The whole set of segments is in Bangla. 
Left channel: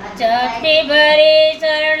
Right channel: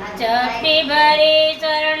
जपे भरे चरण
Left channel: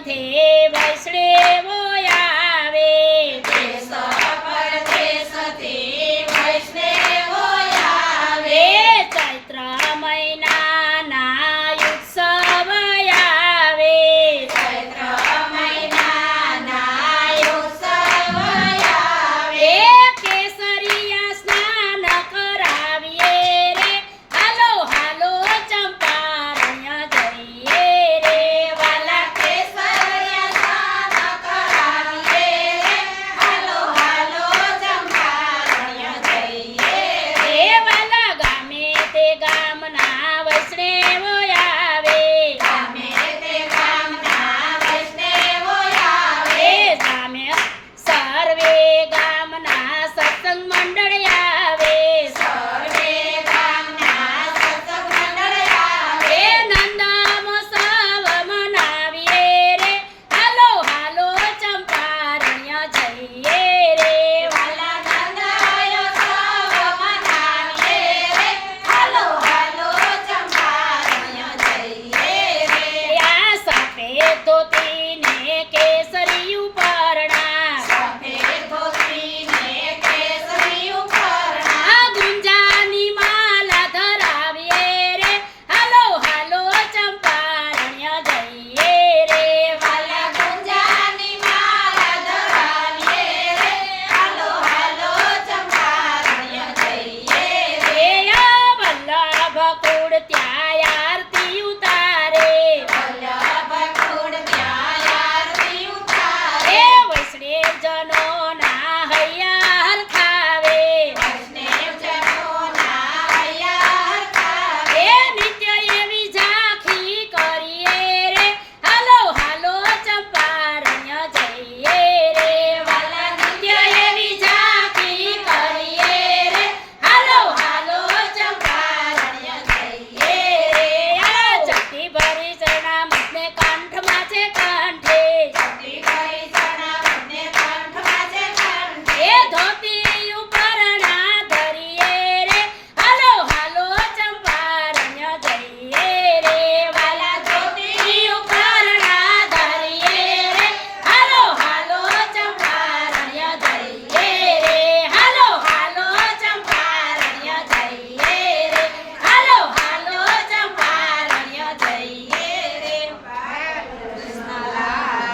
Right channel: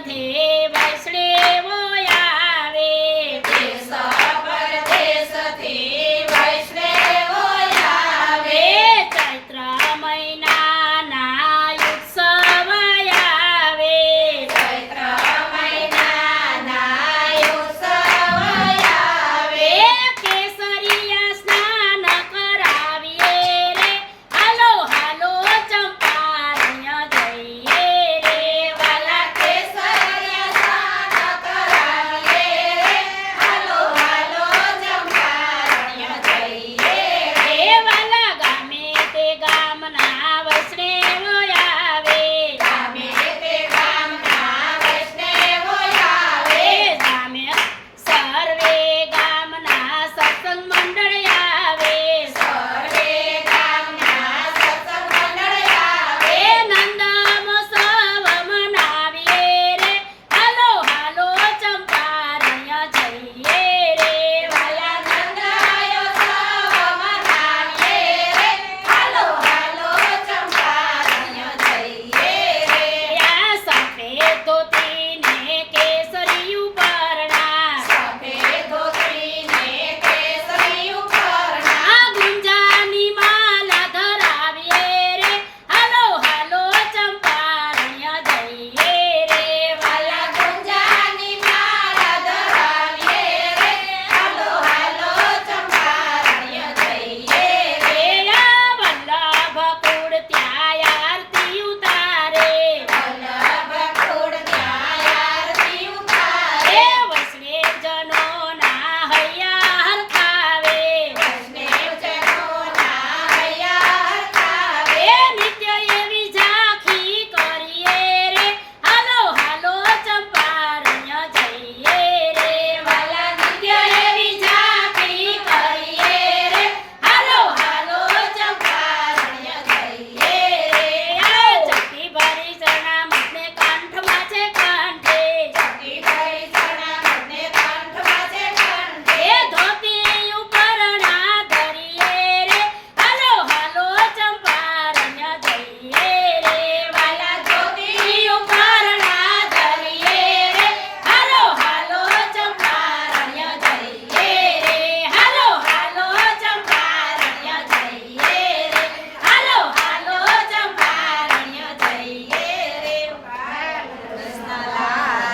પરદેશથી